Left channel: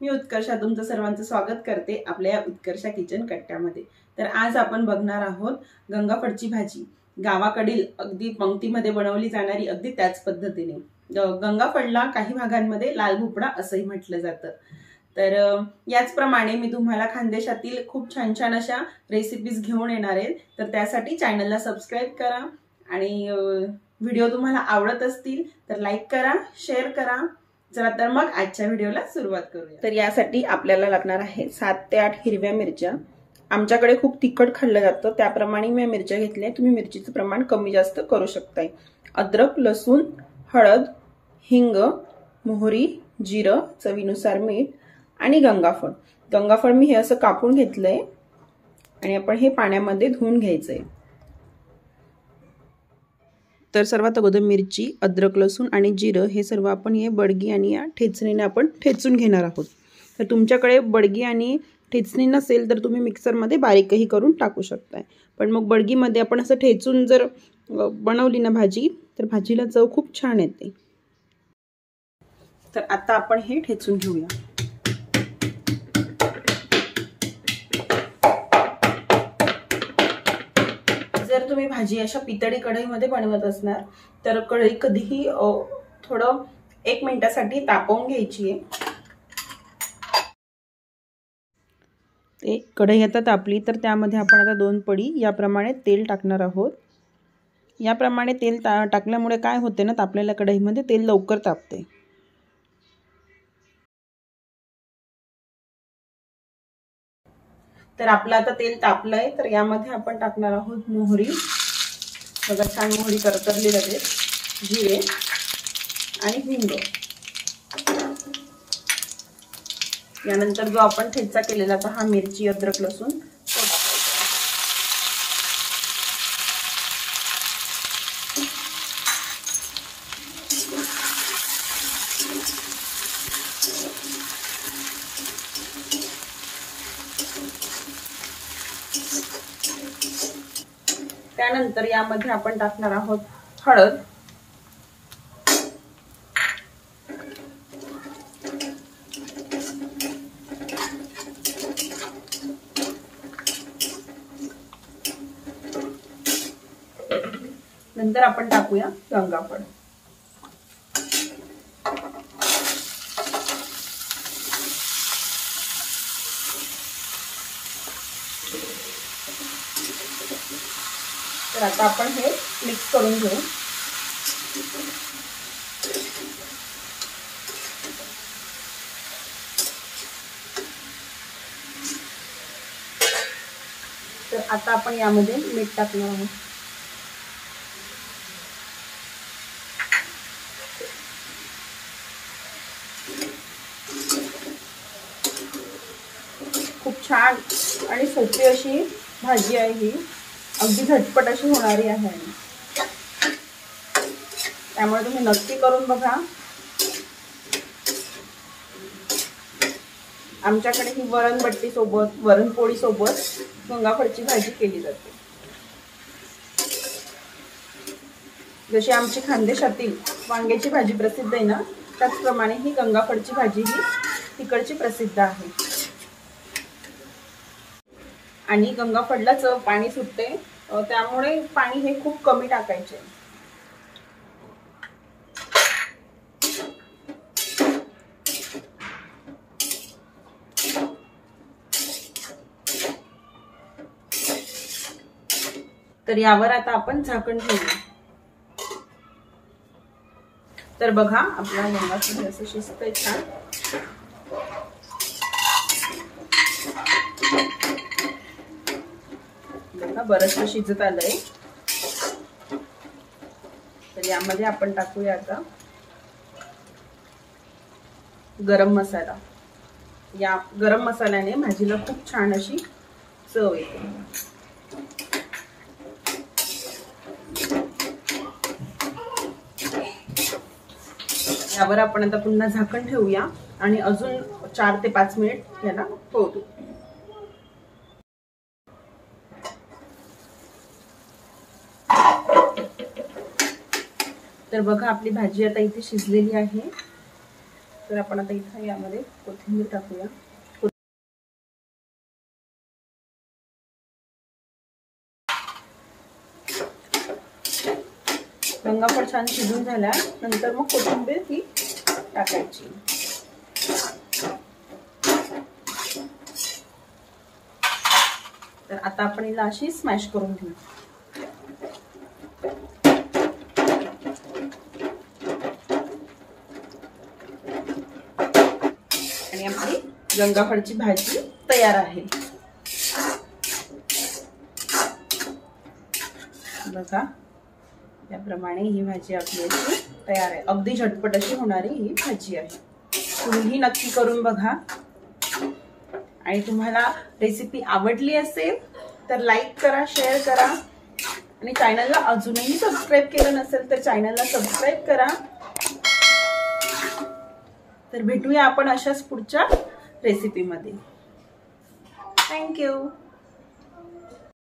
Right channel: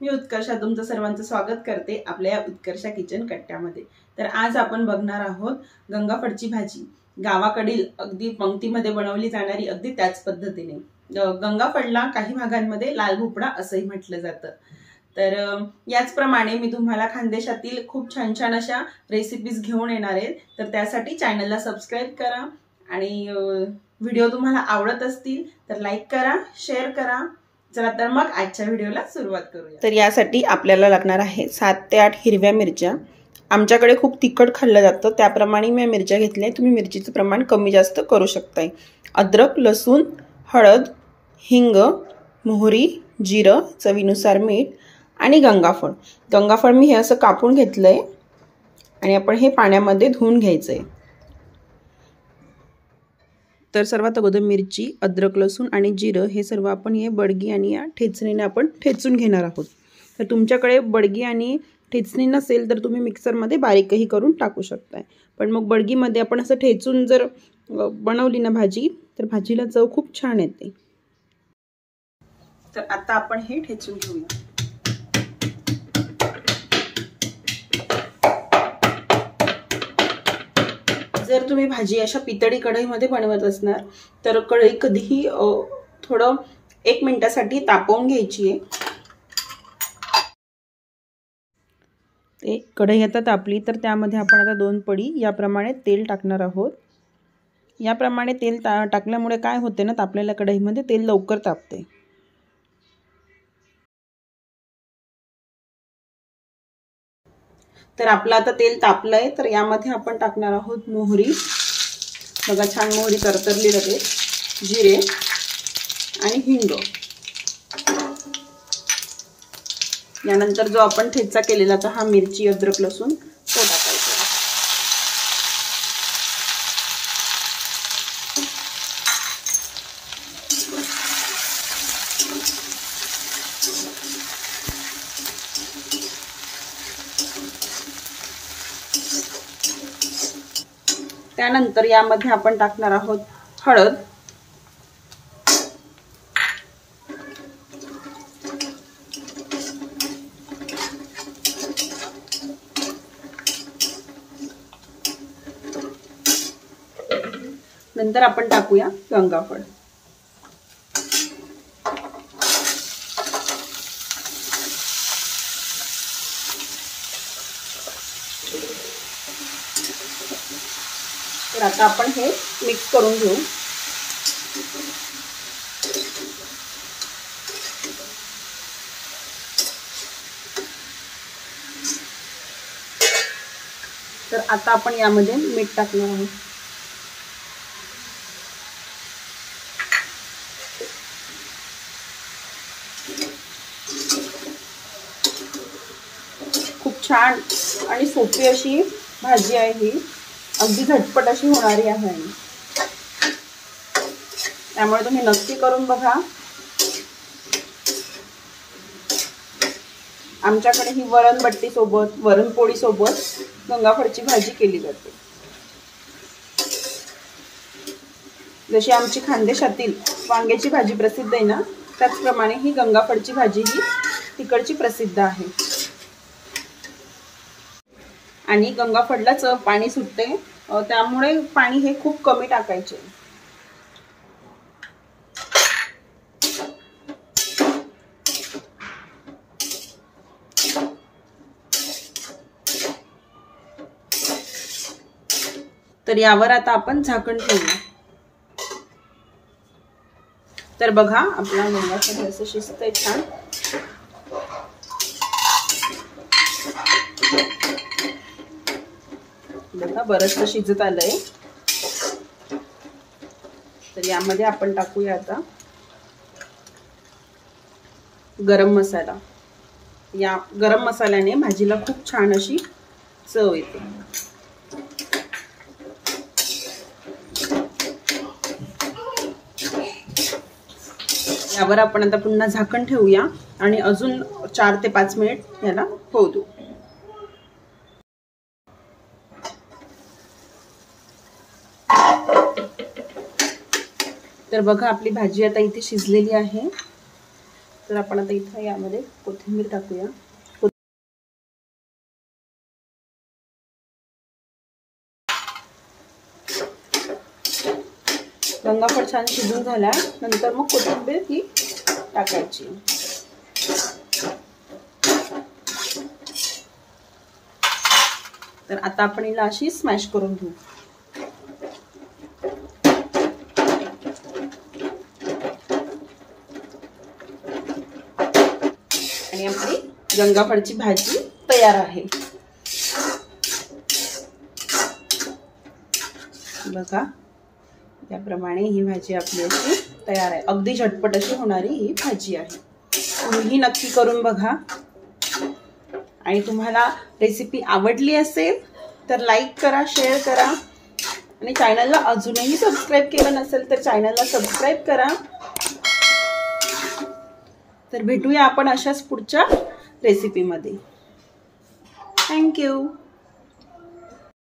मी उत्कर्षा तुमचं सर्वांचं स्वागत करते आपल्या या उत्कर्षा किचन कट्ट्यामध्ये। तर आज आपण बघणार आहोत गंगाफळची भाजी। गावाकडील अगदी पंक्तीमध्ये बनवली जाणारी अगदी त्याच पद्धतीने। गंगाफळला काही भागांमध्ये लाल भोपळा असंही म्हटलं जातं। तर याचप्रमाणे मी तुम्हाला खानदेशातील खूप छान छान अशा रेसिपीज घेऊन येणार आहे। तर त्यासाठी चॅनलला सबस्क्राइब करा आणि व्हिडिओ तुम्हाला आवडत असतील तर लाईक करा, शेअर करा। चला तर मग आजच्या व्हिडिओला सुरुवात करूया। तर यासाठी आपल्याला लागणार आहे 7 ते 8 हिरव्या मिरच्या। आमच्याकडे खूप तिखट खाल्लं जातं त्याप्रमाणे मी मिरच्या घेतल्या। तुम्ही मिरचीचं प्रमाण कमी जास्त करू शकताय। अद्रक, लसूण, हळद, हिंग, मोहरी, जिरं, चवीनुसार मीठ आणि गंगाफळ। गंगाफळ मी हे असं कापून घेतलंय आणि आपण हे पाण्यामध्ये धुवून घ्यायचंय। तर सर्वात अगोदर मिरची, अद्रक, लसूण आणि जिरं हे सर्व आपण हे बडगी आणि या ठेचणीने आपण ठेचून घेणार आहोत। तर तुमच्याकडे बडगी आणि ठेचणी नसेल तर तुम्ही मिक्सरमध्ये बारीकही करून टाकू शकताय। पण मग बडगीमध्ये आपण असं ठेचून जर बनवली ना भाजी तर भाजीला चव खूप छान येते। तर आता आपण हे ठेचून घेऊया। जर तुम्ही भाजी अशा पितळी कढईमध्ये बनवत असणार तर कढई कधीही थोडं 1 मिनिटासाठी तापवून घ्यायची आहे। ते कढई आता तापली तर त्यामध्ये आपण आता 2 पडी याप्रमाणे तेल टाकणार आहोत। याप्रमाणे तेल टाकल्यामुळे काय होते ना, तापलेल्या कढईमध्ये तेल लवकर तापते। तर आपलं आता तेल तापलंय तर यामध्ये आपण टाकणार आहोत मोहरी। बघा छान मोहरी तरतरली लगेच। जिरे आणि हिंग। यानंतर जो आपण ठेचा केलेला होता हा मिरची, अद्रक, लसूण तो टाकायचा। त्यानंतर यामध्ये आपण टाकणार आहोत हळद, नंतर आपण टाकूया गंगाफळ। तर आता आपण हे मिक्स करून घेऊ। तर आता आपण यामध्ये मीठ टाकणार आहोत। खूप छान आणि सोपी अशी भाजी आहे ही। अगदी झटपट अशी होणारी आहे त्यामुळे तुम्ही नक्की करून बघा। आमच्याकडे ही वरणबट्टी सोबत, वरणपोळी सोबत गंगाफळची भाजी केली जाते। जशी आमची खानदेशातील वांग्याची भाजी प्रसिद्ध आहे ना, त्याचप्रमाणे ही गंगाफळची भाजी ही तिकडची प्रसिद्ध आहे। आणि गंगाफळलाच पाणी सुटते त्यामुळे पाणी हे खूप कमी टाकायचे। तर यावर आता आपण झाकण ठेवूया। तर बघा आपला गंगाफळ असं शिजतंय छान। बघा बरंच शिजत आलंय। तर यामध्ये आपण टाकूया आता गरम मसाला। या गरम मसाल्याने भाजीला खूप छान अशी चव येते। यावर आपण आता पुन्हा झाकण ठेवूया आणि अजून 4 ते 5 मिनिट याला होऊ देऊ। तर बघा आपली भाजी आता इथे शिजलेली आहे। तर आपण आता इथं यामध्ये कोथिंबीर टाकूया. गंगाफळ छान शिजून झाल्या नंतर मग कोथिंबीर ही टाकायची. तर आता आपण हिला अशी स्मॅश करून घेऊ. आणि आपली गंगाफळची भाजी तयार आहे. बघा त्याप्रमाणे ही भाजी आपली अशी तयार आहे. अगदी झटपट अशी होणारी ही भाजी आहे. तुम्ही नक्की करून बघा. आणि तुम्हाला रेसिपी आवडली असेल तर लाईक करा, शेअर करा आणि चॅनलला अजूनही सबस्क्राईब केलं नसेल तर चॅनलला सबस्क्राईब करा. तर भेटूया आपण अशाच पुढच्या रेसिपीमध्ये. थँक्यू.